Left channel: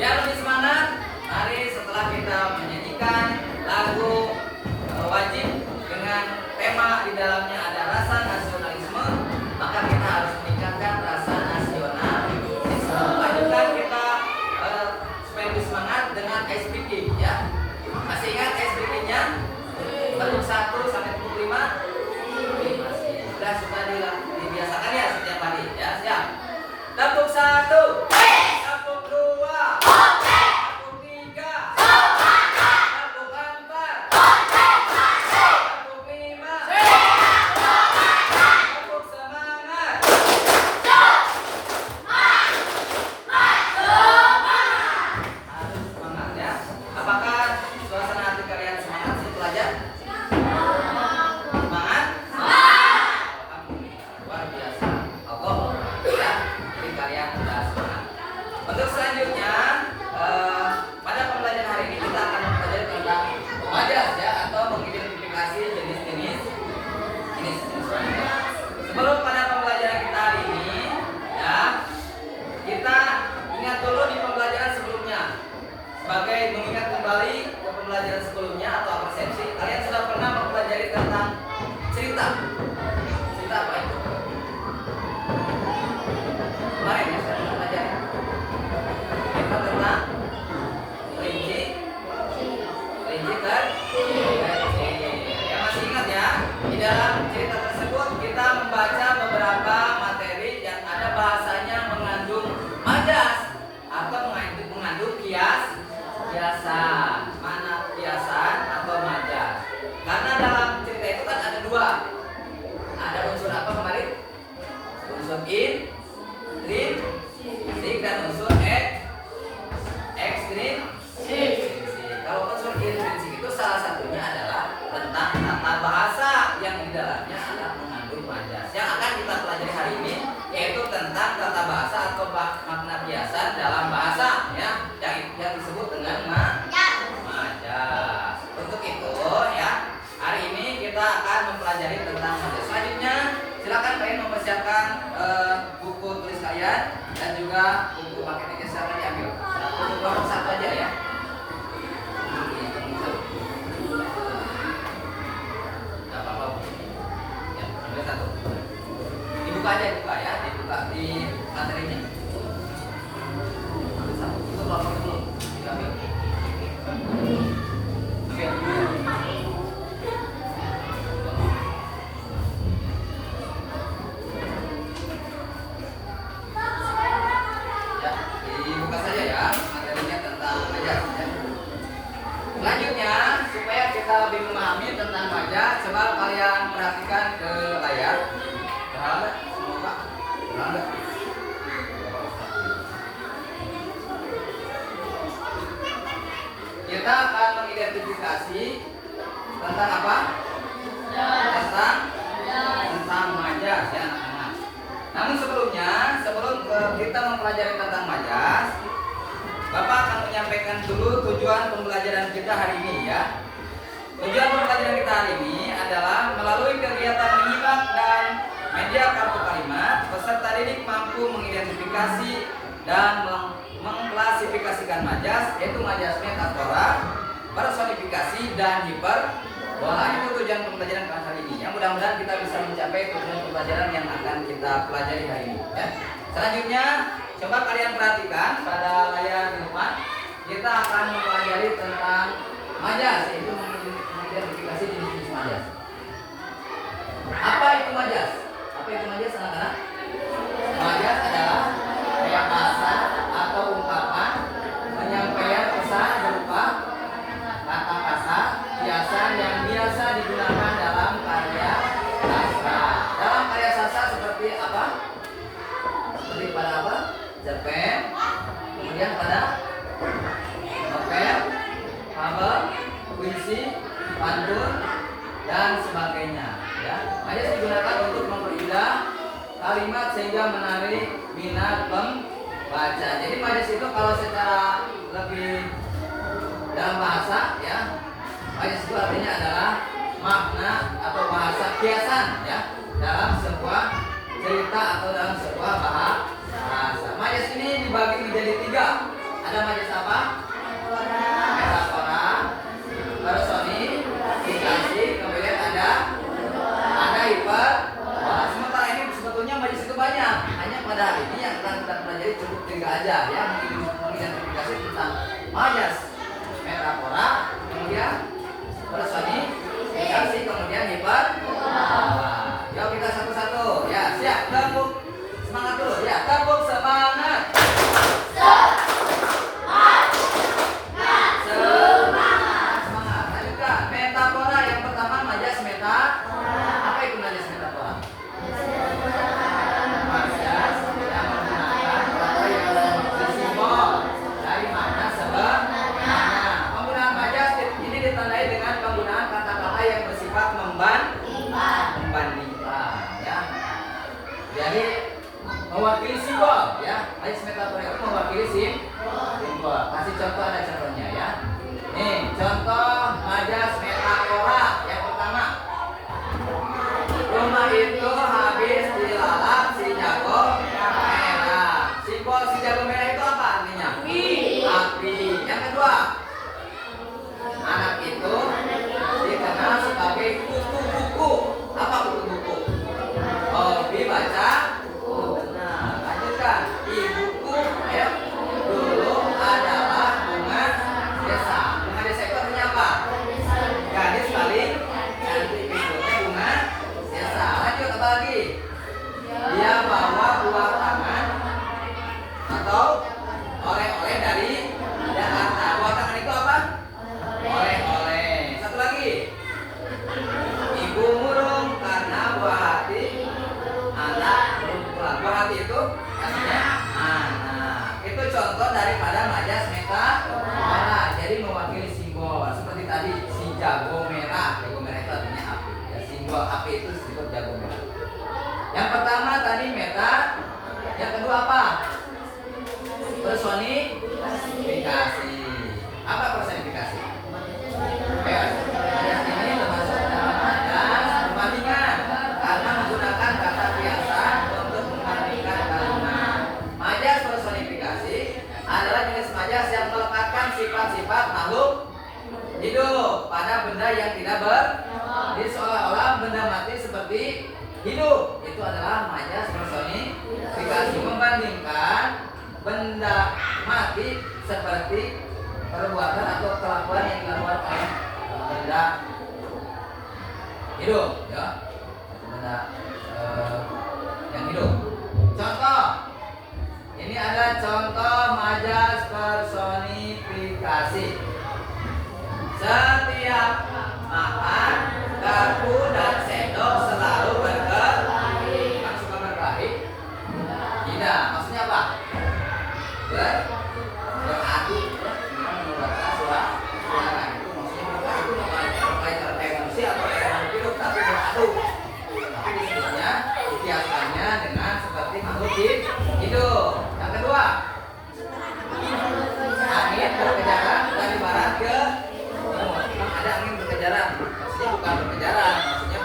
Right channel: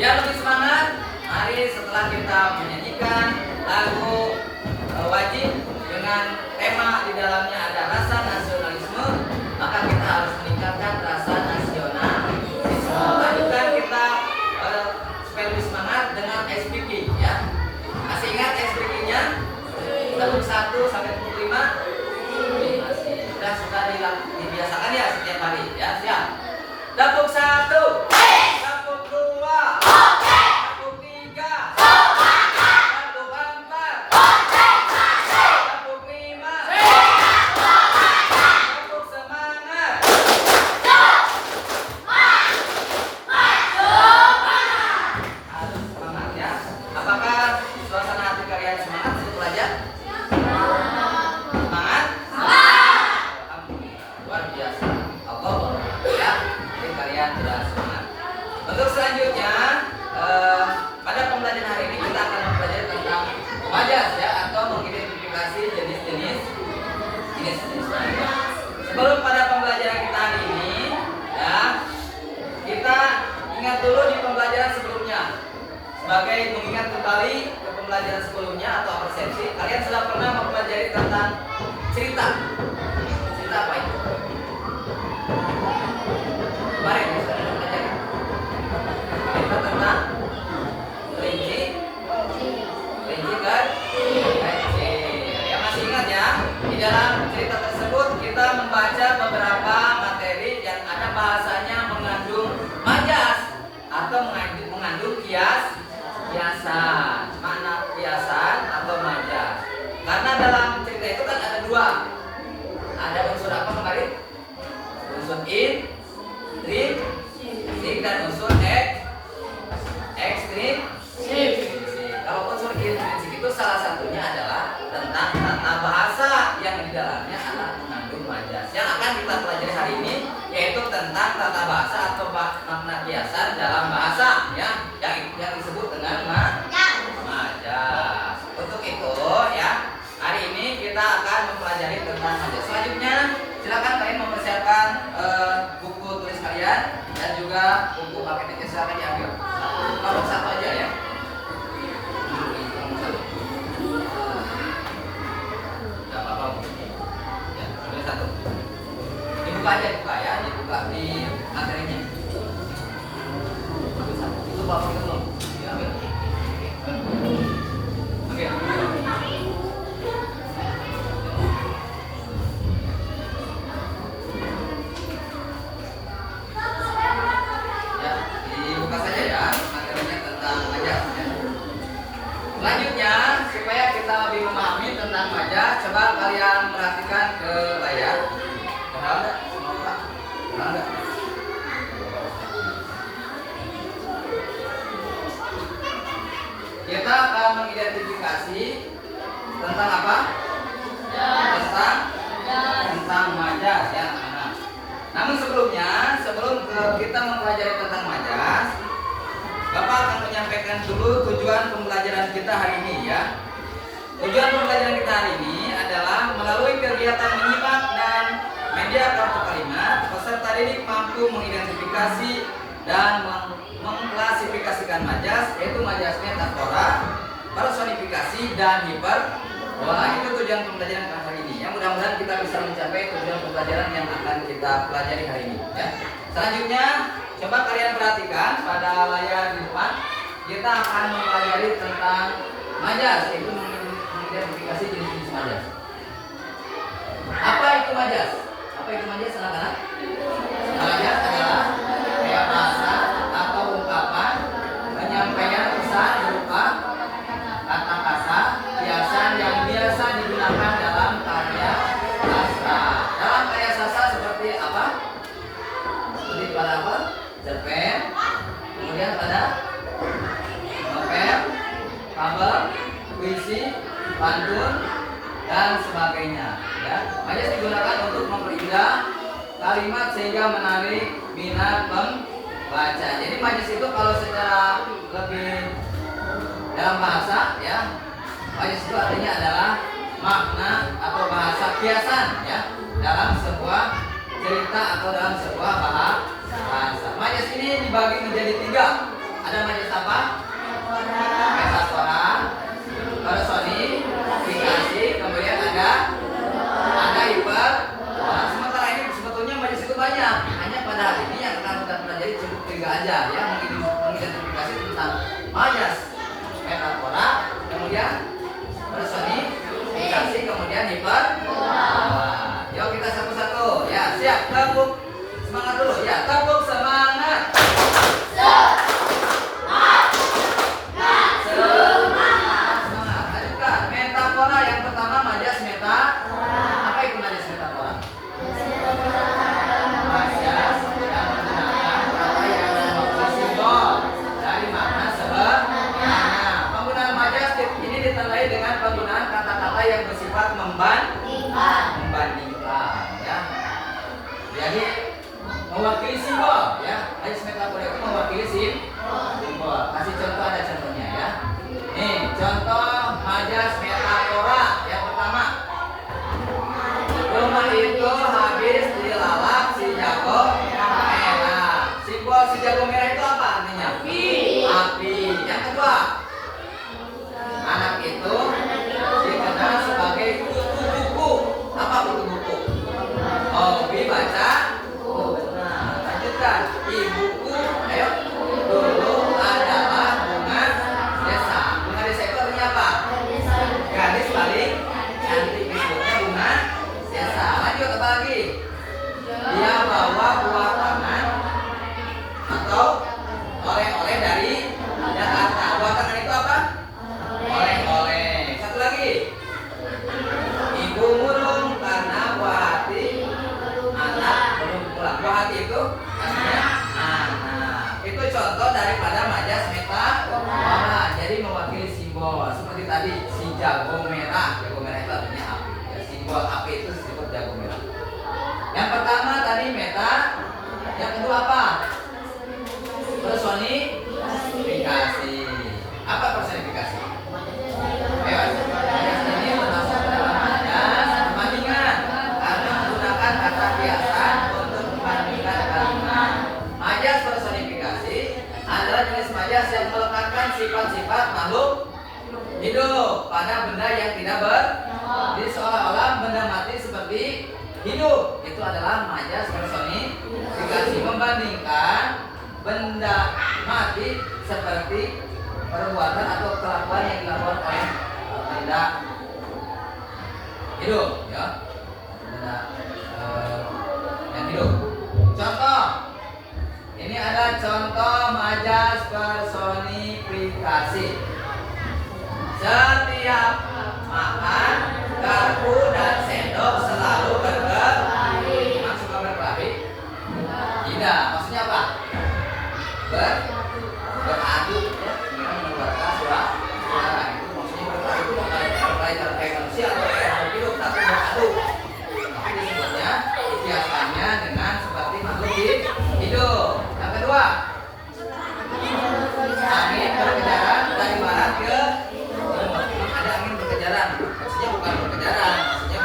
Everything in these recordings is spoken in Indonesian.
Biar lebih semangat, mari setelah kita menyanyikan lagu wajib dengan tema di dalamnya ada rasa nasionalisme, maka kita harus meningkatkan rasa nasionalisme. Lanjutkan kita supaya lebih semangat dengan ice breaking ya. Masih ingat ice breaking-nya? Tepuk 1 sampai tepuk 5. Sudah dibiasakan ya setiap hari ya. Siap. Tepuk 1. Tepuk 2. Tepuk 3. Tepuk 4. Tepuk 5. Tepuk semangat. Harus semangat ya. Apakah suasana hati kalian semangat untuk belajar? Semangat? Alhamdulillah, luar biasa. Allah ya, jadi kalian sudah semangat. Untuk selanjutnya, pada pembelajaran hari ini kita akan mempelajari tentang majas ya, atau mengidentifikasi jenis-jenis majas. Sebelum pada pembelajaran kita hari ini, ya, kita ingat dulu di pembelajaran sebelumnya. Sebagai mengingat kembali ke pembelajaran sebelumnya atau persepsi, kalian sudah pernah mempelajari tentang cerita. Cerita apa itu? Kemarin ya, sudah mempelajari cerita tentang kelinci kan? Ya, masih ingat ya? Di dalam cerita tersebut kita membaca beberapa materi yang ada bahasanya mengandung majas atau mengandung kiasan. Mana kiasan atau majas? Karena dalam cerita itu kan ada dua. Ada unsur apa kemarin? Unsur intrinsik dan unsur ekstrinsik. Kalau unsur intrinsik itu salah satunya adalah tentang tata bahasa yang di dalamnya adalah mengandung majas. Yang akan kita pelajari hari ini yaitu tentang tata bahasa atau makna kiasan dalam bahasa ya, yang disebut dengan majas. Untuk itu ya, hari ini kita akan mempelajari tentang majas. Selanjutnya silakan kalian mempersiapkan buku tulis kalian dan juga buku paketnya, silakan diambil. Satu aja ya. Tidak apa-apa. Ya, ambil satu. Dibuka aja, dibuka di materinya. Ambil satu. Tutup dulu. Diambil. Ambil. Dibuka saja ya materinya tentang majas ya. Selanjutnya supaya kita lebih memahami tentang majas, coba kalian perhatikan ke layar. Terang enggak? Kita akan mengidentifikasi tentang apa? Tentang majas ya anak-anak. Namun sebelum kita mempelajari tentang majas, Bapak akan menyampaikan dulu tujuan pembelajaran kita hari ini ya. Tujuan pembelajaran kita hari ini adalah melalui kegiatan menyimak dan media kartu kalimat, peserta didik mampu mengidentifikasi dan mengklasifikasikan majas, yaitu majas metafora, personifikasi dan hiperbola. Itu tujuan pembelajaran hari ini. Yang mudah-mudahan kita bisa mencapai tujuan pembelajaran yang akan kita pelajari hari ini ya. Selanjutnya coba kalian perhatikan pada layar di depan. Kita akan mempelajari tentang majas, yaitu mengidentifikasi jenis-jenis majas. Apa itu majas? Anak-anak? Majas adalah kayak bahasa atau ungkapan penyampaian pesan berupa kata-kata kiasan yang biasa digunakan dalam karya sastra. Dalam karya sastra seperti apa? Seperti pada apa? Cerpen, kemudian pada novel, kabel, puisi, pantun, dan sebagainya. Ya, majas digunakan untuk memperindah kalimat sehingga menarik minat pembaca. Jadi majas itu kalau secara lebih dalam bahasa ya, majas itu artinya adalah makna atau bahasa kiasan ya dalam sebuah cerita atau dalam sebuah bahasa. Majas ini dibagi menjadi tiga. Ada majas apa? Metafora, personifikasi, kemudian ada hiper. Wah, sementara ini sebetulnya majas itu banyak. Hanya pada hari ini yang kita pelajari cukup 3 aja ya, mengidentifikasi tentang majas, metafora, kemudian personifikasi, kemudian hiper. Yuk kita satu-satu ya, siap, tepuk semangat dulu ya, tepuk semangat. Semangat. Lanjutkan. Metafora yang pertama, majas metafora. Apa itu majas metafora? Majas yang menggunakan kata yang ada simbol dari makna sebenarnya. Penggunaan majas ini ditandai dengan penggunaan kata-kata yang bersifat membandingkan ya. Jadi mewakili simbol ya. Majas metafora itu mewakili simbol. Kasih contoh, ada contohnya ya. Nih, contoh majas metafora yang pertama. Rumah itu habis dilalap si jago merah. Simbol si jago merah itu apa artinya? Api. Yang kedua, anak itu dikenal sebagai kutu buku. Apa kutu buku? Hobi baca. Benar. Lanjutkan. Ibuku, ayo. Dulu adalah bunga desa. Bunga desa itu artinya apa? Gadis paling cantik. Ibunya bunga desa. Lanjut, apa lagi? Dia bawa buah tangan atau oleh-oleh dari Jakarta. Buah tangan itu apa? Oleh-oleh. Satu lagi. Ibu murung karena buah hati anak belum pulang. Buah hati itu artinya anak. Itu contoh daripada majas metafora. Jadi mewakili simbol. Seperti tadi si jago merah. Jago merah itu artinya api. Ya, simbol api itu disebut jago merah. Yang pertama tadi meta. Yang kedua apa? Personifikasi. Apa personifikasi? Ayo, majas ini termasuk dalam majas perbandingan karena menggunakan kata kiasan untuk membandingkan kalimat. Majas personifikasi adalah jenis majas yang melekatkan sifat-sifat makhluk hidup pada benda yang tidak jadi seolah-olah benda mati seperti hidup. Itu adalah majas personifikasi, membandingkan benda mati seperti perbuatan atau kelakuan yang dilakukan oleh benda hidup ya, benda yang hidup. Contoh, ini ada contoh majas personifikasi. Setiap makan garpu dan sendok selalu berkelahi. Maksudnya berkelahi? Tidak, maksudnya apa? Beradu ya, mengeluarkan suara itu maksudnya berkelahi itu berkelahi kayak manusia atau kayak makhluk hidup, tapi beradu. Tapi disebutnya dikiaskannya dengan seperti makhluk hidup. Yang kedua, angin berkejaran dari barat ke timur. Ada angin berkejaran, maksudnya bukan berkejaran, maksudnya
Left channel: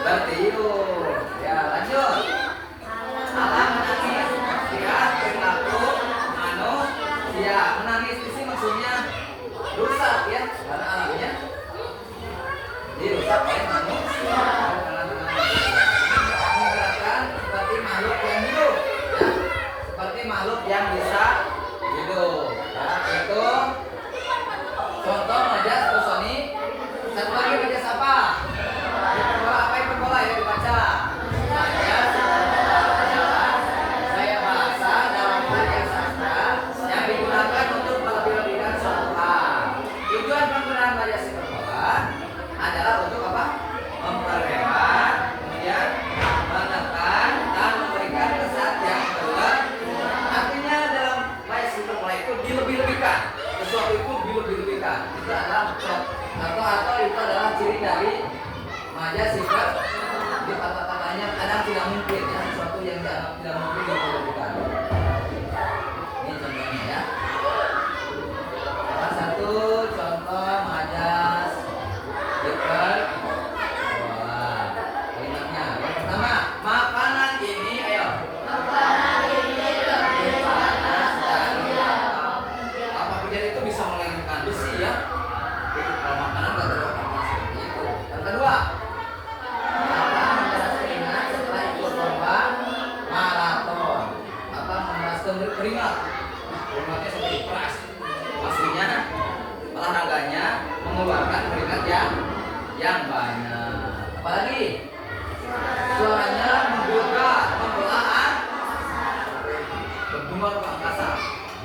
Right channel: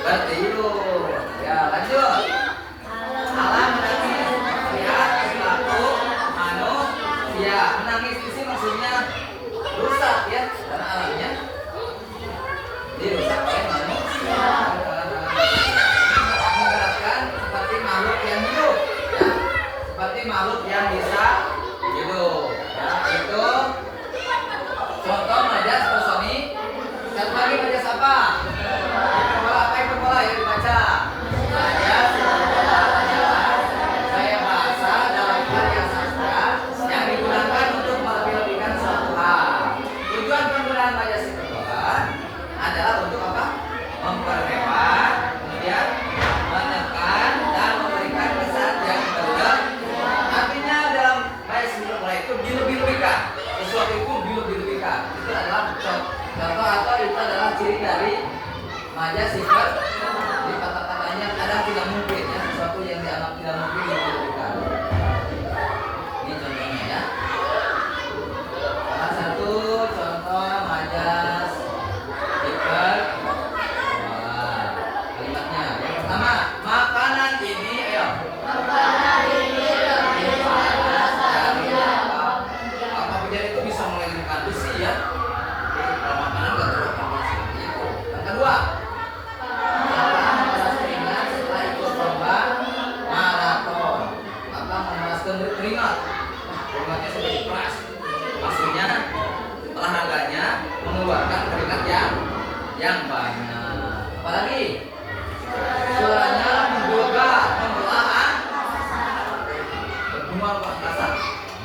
bertiup. Ya, lanjut. Alam menangis lihat perilaku manusia. Menangis di sini maksudnya rusak ya, karena alamnya dirusak oleh manusia. Menggerakkan seperti makhluk yang hidup ya, seperti makhluk yang bisa hidup ya. Itu contoh majas personi. Satu lagi majas apa? Hiperbola. Apa hiperbola ya dibaca? Majas hiperbola adalah gaya bahasa dalam karya sastra yang digunakan untuk melebih-lebihkan suatu hal. Tujuan penggunaan majas hiperbola adalah untuk apa? Memperhebat, kemudian menekan dan memberikan kesan yang berlebihan. Artinya dalam majas hiperbola itu dilebih-lebihkan. Sesuatu itu dilebih-lebihkan. Itu adalah contoh atau itu adalah ciri dari majas hiperbola. Jadi kata-katanya kadang tidak mungkin ya, sesuatu yang dianggap tidak mungkin dilebih-lebihkan. Ini contohnya ya. Salah satu contoh majas hiperbola. Kalimatnya yang pertama, makanan ini ayo. Makanan ini lebih panas dari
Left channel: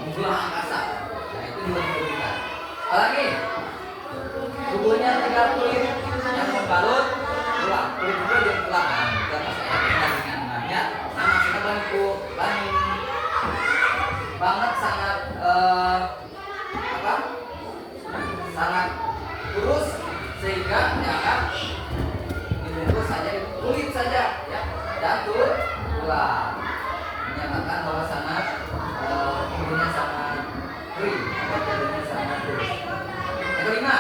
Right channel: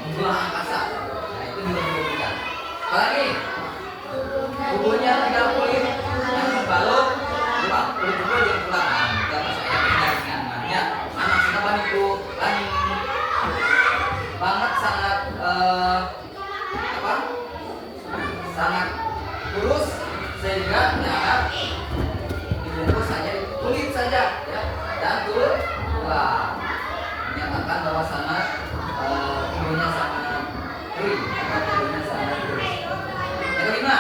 membuang angkasa. Nah, itu juga dibutuhkan. Apalagi tubuhnya 3 kulit yang membalut tulang, kulit juga jadi tulang. Nah, kita masuk ayat pendaringan. Nah, maksudnya baniku banget sangat sangat kurus sehingga ya dibungkus saja kulit saja ya dan tulang, menyatakan bahwa sangat tubuhnya sangat kering, tubuhnya sangat kurus. Yang kelima,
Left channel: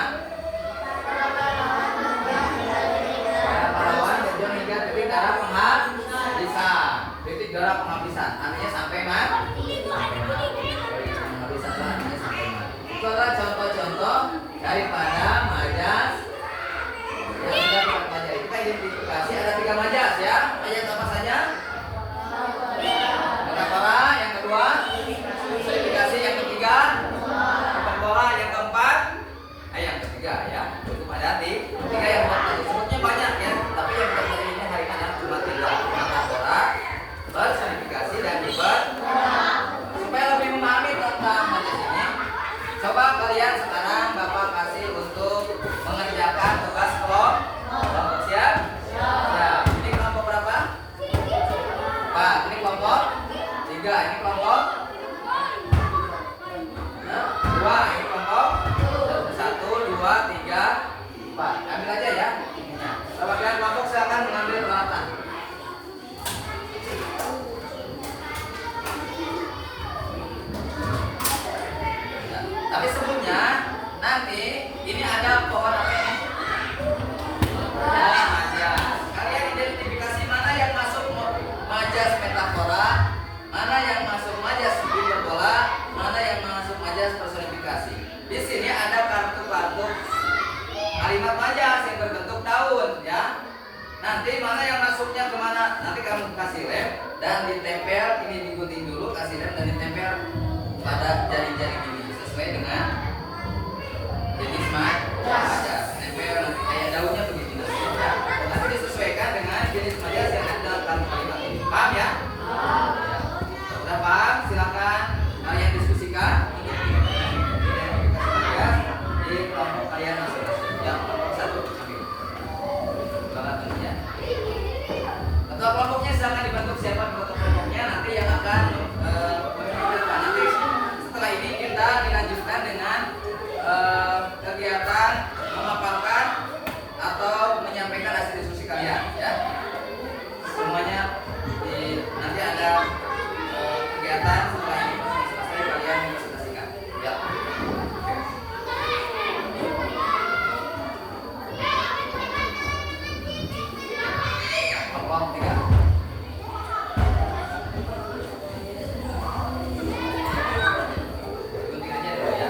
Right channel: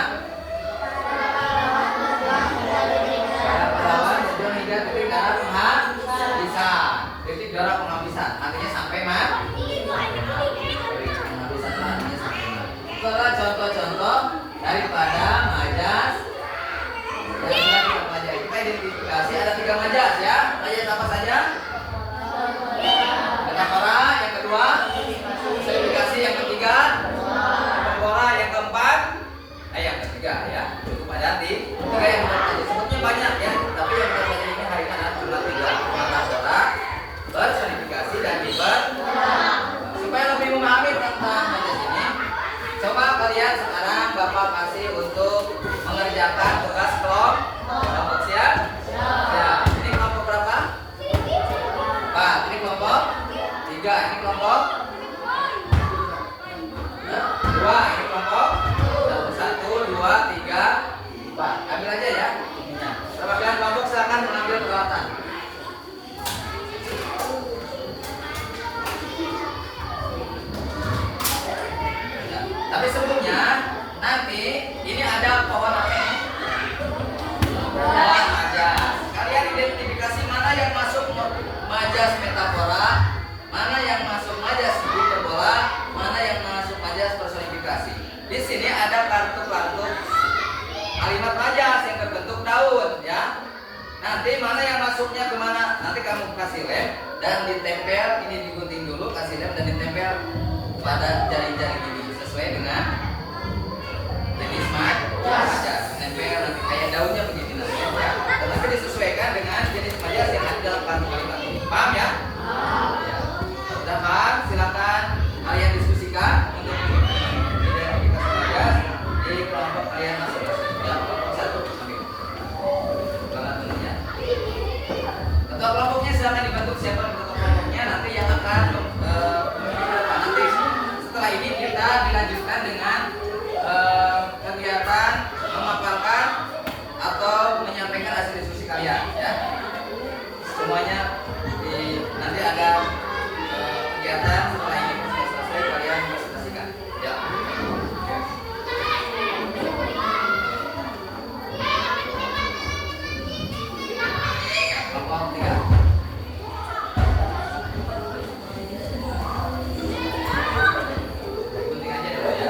pada pahlawan berjuang hingga titik darah penghabisan. Titik darah penghabisan artinya sampai mati. Penghabisan artinya sampai mati. Itu adalah contoh-contoh daripada majas yang sudah kita pelajari. Kita identifikasi ada 3 majas ya. Majas apa saja? Metafora, yang kedua personifikasi, yang ketiga hiperbola, yang keempat yang ketiga ya. Cukup ada 3 yang kita pelajari. Sebutnya banyak ya, tapi yang kita pelajari ini hari ini adalah cuma 3. Metafora, personifikasi, dan hiperbola. Supaya lebih memahami tentang majas ini, coba kalian sekarang Bapak kasih untuk mengerjakan tugas kelompok. Siap? Siap. Ini kelompok berapa? 4. Ini kelompok 3. Ini kelompok 2. Ini kelompok 1, 2, 3, 4. Ambil aja ya ininya. Perwakilan kelompok silakan mengambil peralatan. Tapi sebelumnya nanti ini ada pohon apa ini? Pohon majas. Kalian identifikasi mana yang masuk majas metafora, mana yang masuk majas hiperbola, mana yang masuk majas personifikasi. Di sini ada kartu-kartu kalimat majas yang berbentuk daun ya. Nanti mana yang masuknya kemana? Nanti kamu kasih lem dan ditempel. Ini digunting dulu, kasih lem dan ditempel pada jari-jari ini sesuai dengan jenis majas. Nempel nanti kayak daunnya begitu nanti ya. Dan nanti disesuaikan dengan jenis majas yang ada dalam kartu kalimat ini. Paham ya? Ya. Sudah paham? Silakan kalian diskusikan untuk identifikasi majas di kelompok kalian masing-masing. Ya, kelompok 1 ambil. Kelompoknya. Ketua kelompoknya silakan dibantu siapa ketua kelompoknya nanti yang akan nanti setelah ini kita dilanjutkan dengan kegiatan memaparkan atau menyampaikan hasil diskusi kalian ya. Semuanya nanti ada kegiatan setelah ini selesai kalian presentasikan ya. Kelompok 3. Gunting aja dulu ya.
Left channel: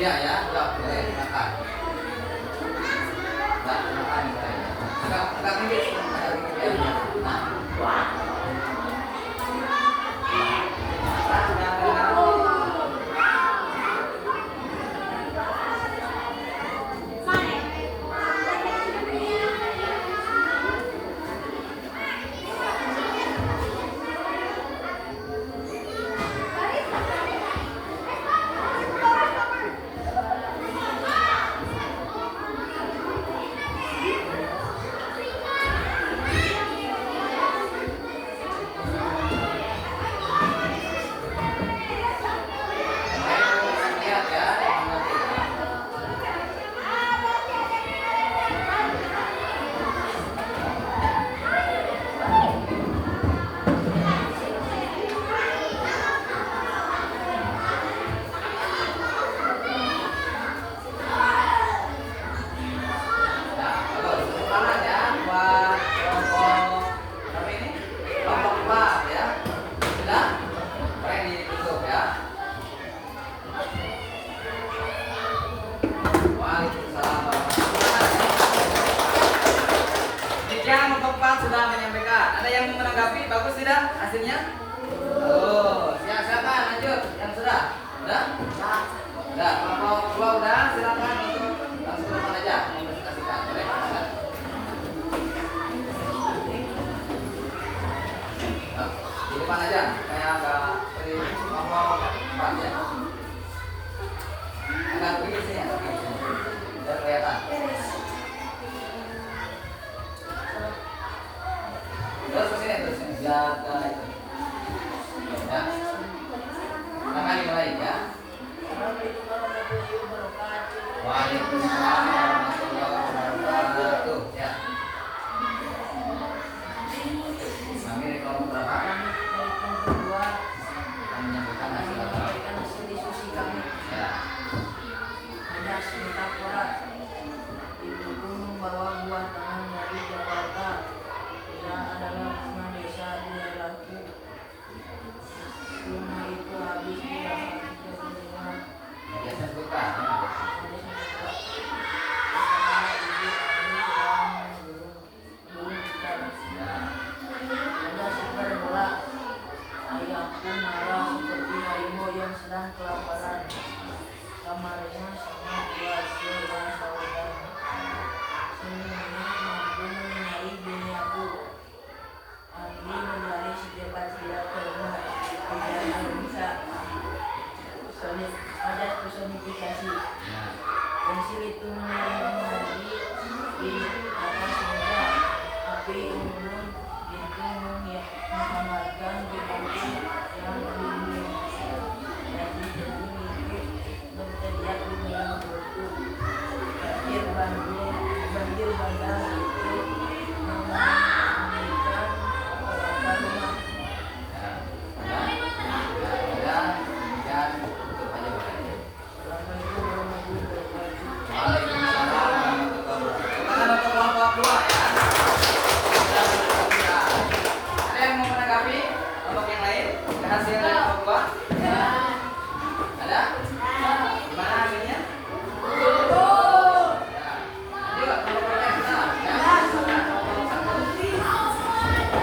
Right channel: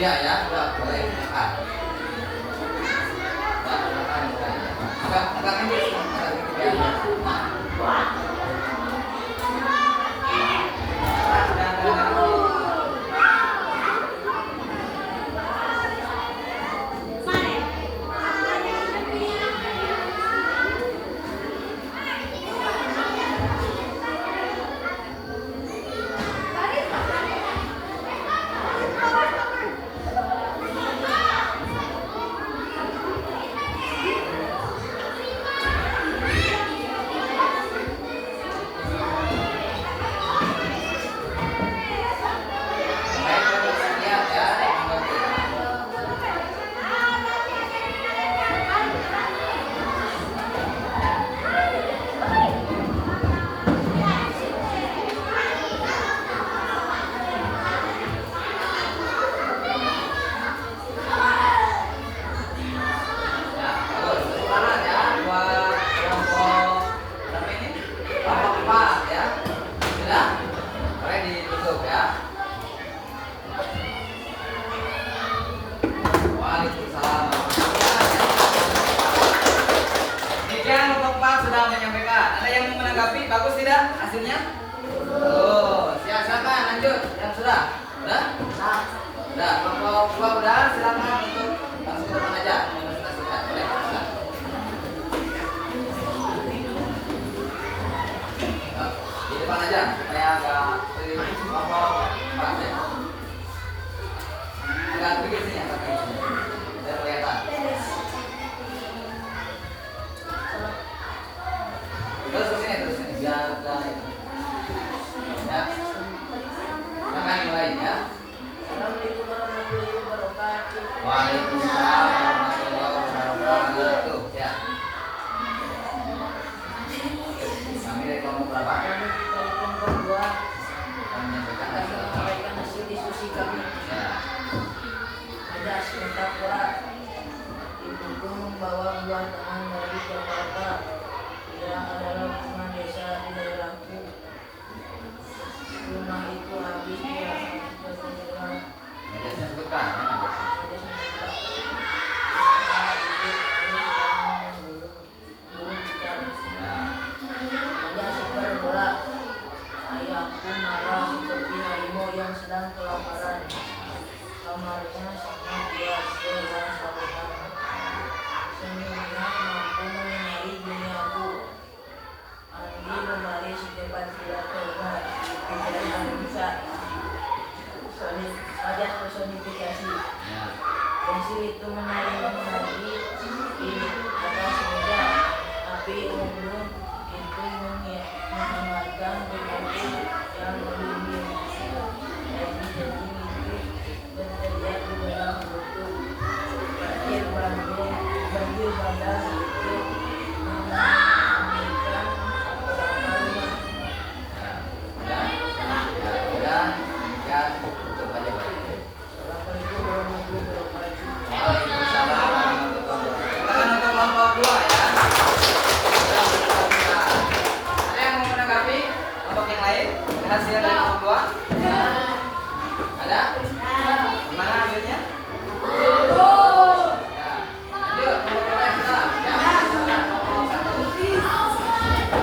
Iya ya, udah boleh makan. Udah makan boleh. Enggak minggir, enggak minggir. Nah. Sudah menyampaikan. Ada yang mau menanggapi? Bagus tidak hasilnya? Oh, siapa lanjut? Yang sudah? Sudah? Sudah. Kalau udah silakan untuk langsung ke depan aja mempresentasikan. Boleh? Silakan. Di depan aja supaya enggak pergi apa ya. Agak pergi sini ya, tapi biar kelihatan. Terus sini jaga itu. Ya. Makan yang lain ya. Waalaikumsalam warahmatullahi wabarakatuh. Ya. Kami nomor berapa? Kedua. Menyampaikan hasil diskusi kami. Ya. Ada Sintapura didukung bahwa buah tangan dari Jakarta yang adalah lingkungan desa di daerahku. Rumah itu habis dirasa tidak ada super bola. Ayahku marah seperti harimau yang sedang kelaparan. Kamarnya sangat luas dan saluran. Senyumnya mampu menyinari duniaku. Andi menari secepat tidak terlihat. Tidak bisa. Ada personifikasi. Pensil itu menari di atas meja. Api unggun itu menggambarkan bupati yang melindungi. Jadi itu berteriak di dalam perutku. Banjir bandang itu mengakibatkan beberapa rumah. Hasil dari nomor 2? Ada? Gimana hasilnya? Lanjut, nomor berapa sudah?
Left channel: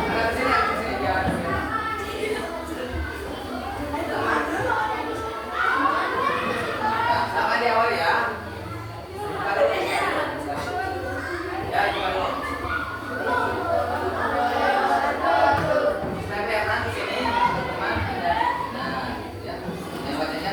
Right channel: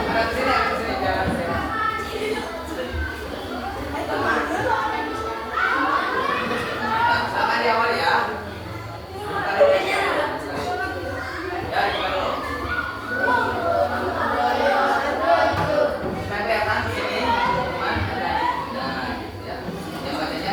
Ada kesini biar sama di awal ya. Ya, gimana dulu? Sampai datang ke sini. Yang bacanya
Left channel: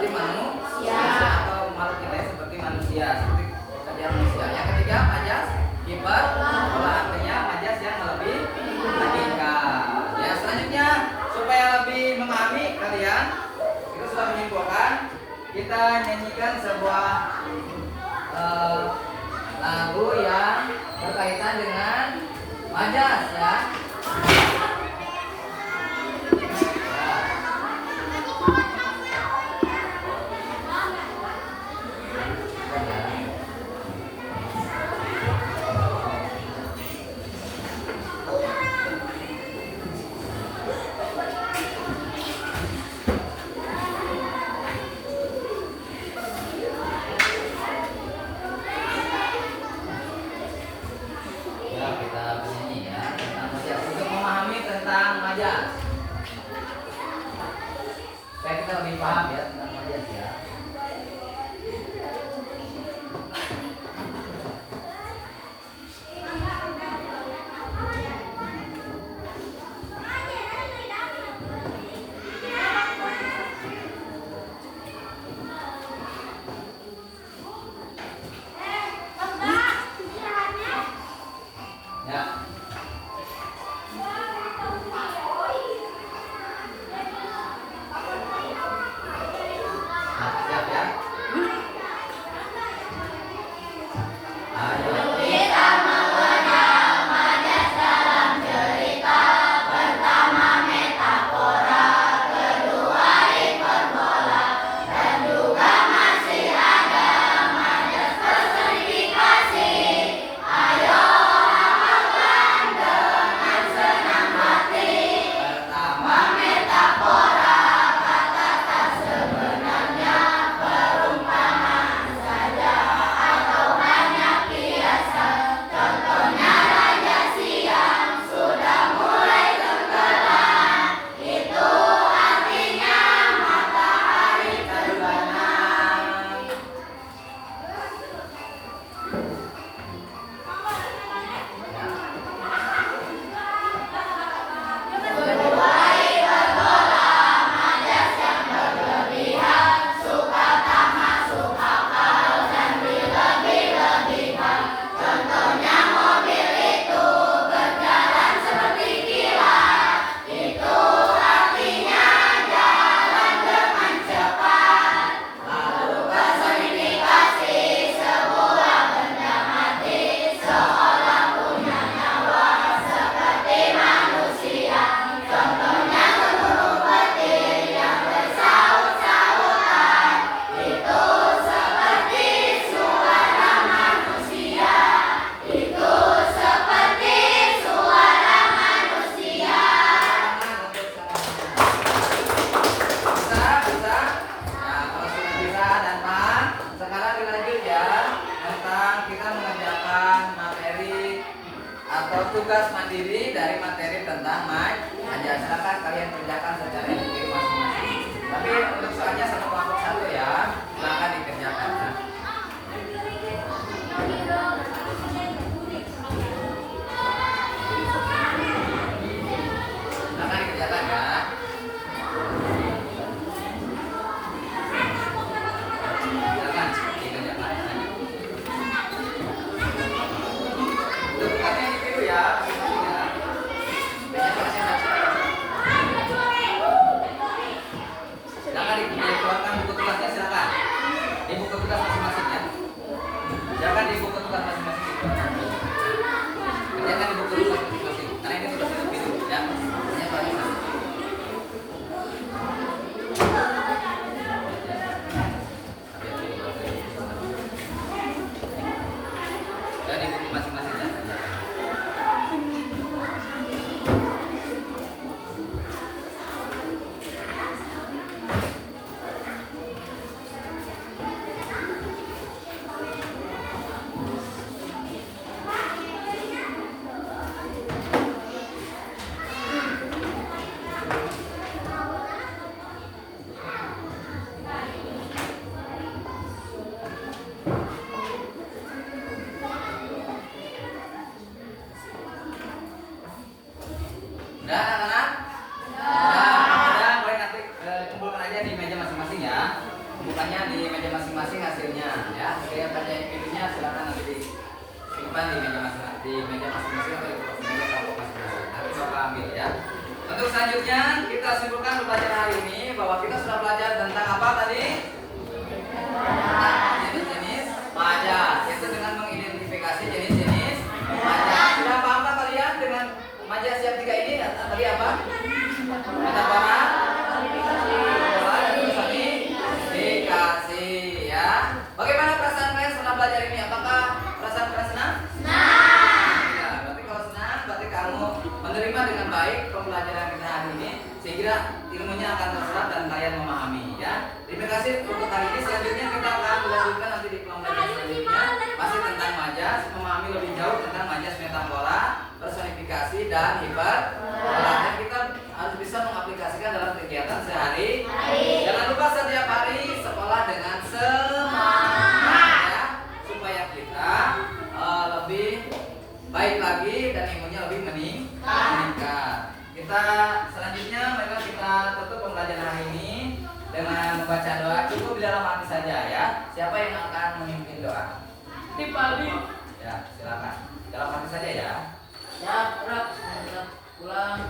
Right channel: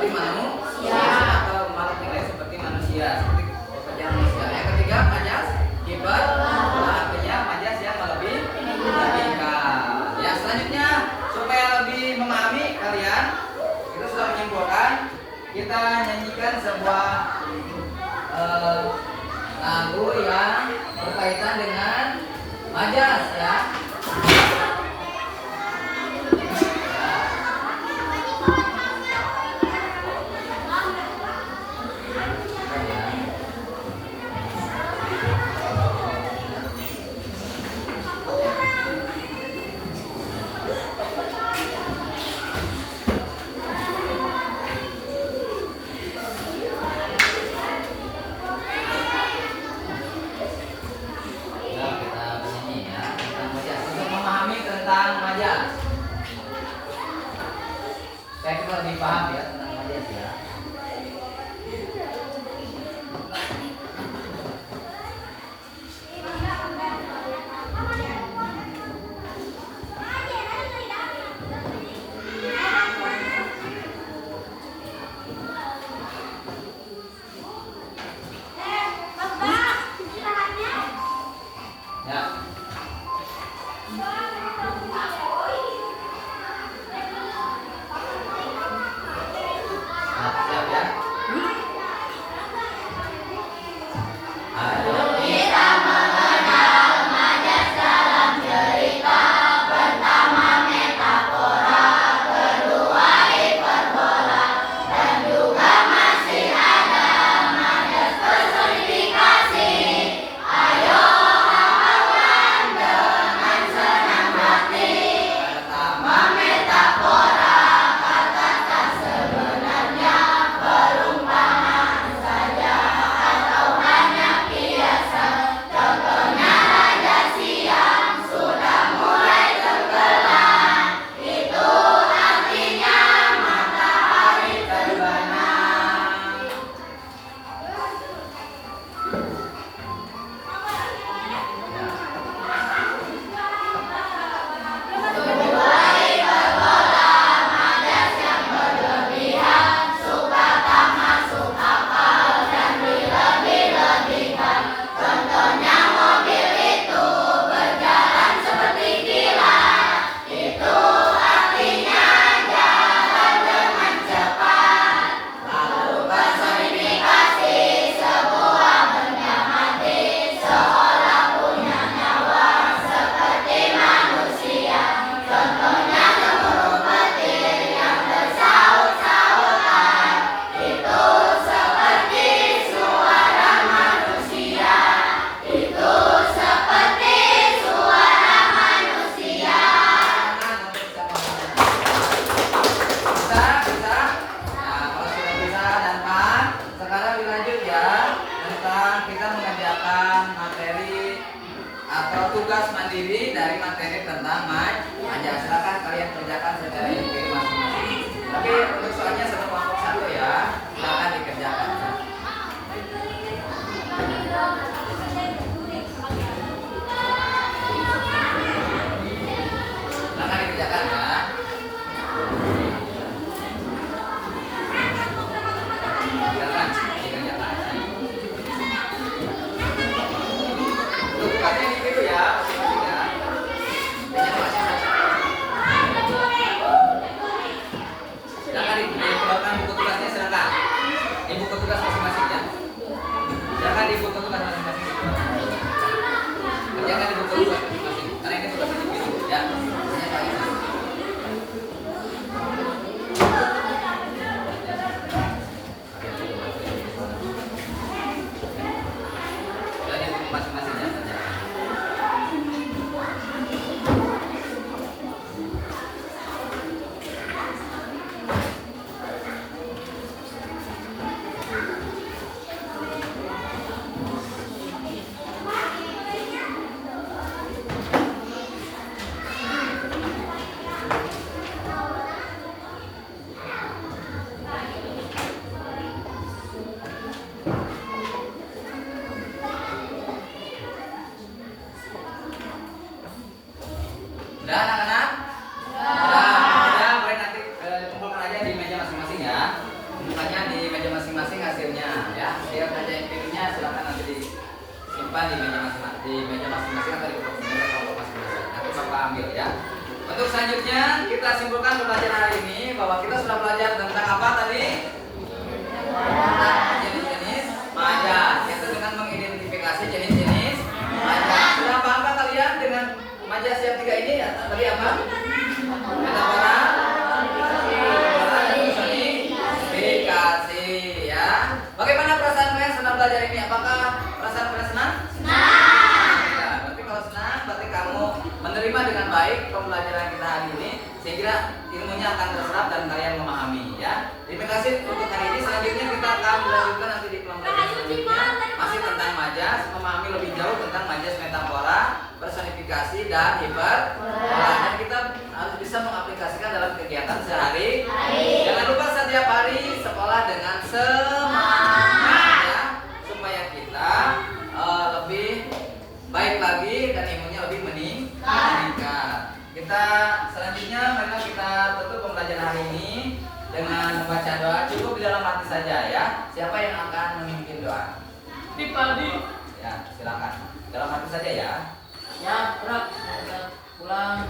seperti manusia atau makhluk yang lain seperti manusia, seperti pekerjaan manusia. Yang ketiga majas kibat, artinya majas yang melebihkan. Ya, selanjutnya supaya lebih memahami kalian, kita sudah menyimpulkan, kita nyanyikan sebuah lagu yang berkaitan dengan majas ya. Saya kita lebih paham ya tentang majas ya. Tugas mandiri dari materi tentang majas. Silakan kalian kerjakan secara individu masing-masing. Tapi untuk soalnya satu kelompok satu ya, silakan dikerjakan. Ya. Silakan dikerjakan ya. Silakan dikerjakan. Tugasnya individu ya. Dikeluarkan buku tugasnya, silakan. Di buku tugas masing-masing ya. Silakan di buku tugas masing-masing. Kerjakan di buku tugas masing-masing. Karena ini tugas individu ya. Udah anak-anak? Udah, mulai nanti kumpulkan aja di meja masing-masing ya. simpan di meja masing-masing atau di meja kelompok masing-masing. Nanti Bapak ambil ya. Untuk selanjutnya kita simpulkan pembelajaran hari ini bahwa kita sudah belajar tentang apa tadi? Tentang jenis-jenis majas. Itu dengan mengidentifikasi jenis-jenis majas. Sudah paham kalian dengan majas yang tiga ini? Tadi apa? Metafora, personifikasi ya. Bagaimana perasaan kalian setelah belajar ini? Apakah perasaan kalian senang? Senang. Berarti kalau senang, berarti kamu menerima dengan baik pembelajaran kita hari ini, sehingga ilmunya akan terserap dan kalian memahami ya. Terima kasih untuk hari ini. Selanjutnya kita akan melanjutkan nanti di pembelajaran selanjutnya masih tentang majas, memahami lebih jauh tentang majas metafora, personifikasi dan hiperbola, dan kita harus bisa mengaplikasikan dalam kegiatan sehari. Jangan lupa setiap hari sekolah dengan semangat ya, supaya kita lebih baik lagi dan ilmunya lebih meningkat. Kita selanjutnya mereka kita tutup pembelajaran hari ini dengan membaca doa. Cukup di dalam hati saja ya. Siapa yang akan memimpin doa? Dipaldi. Ya, silakan. Dalam hati saja ya. Ya, pulang.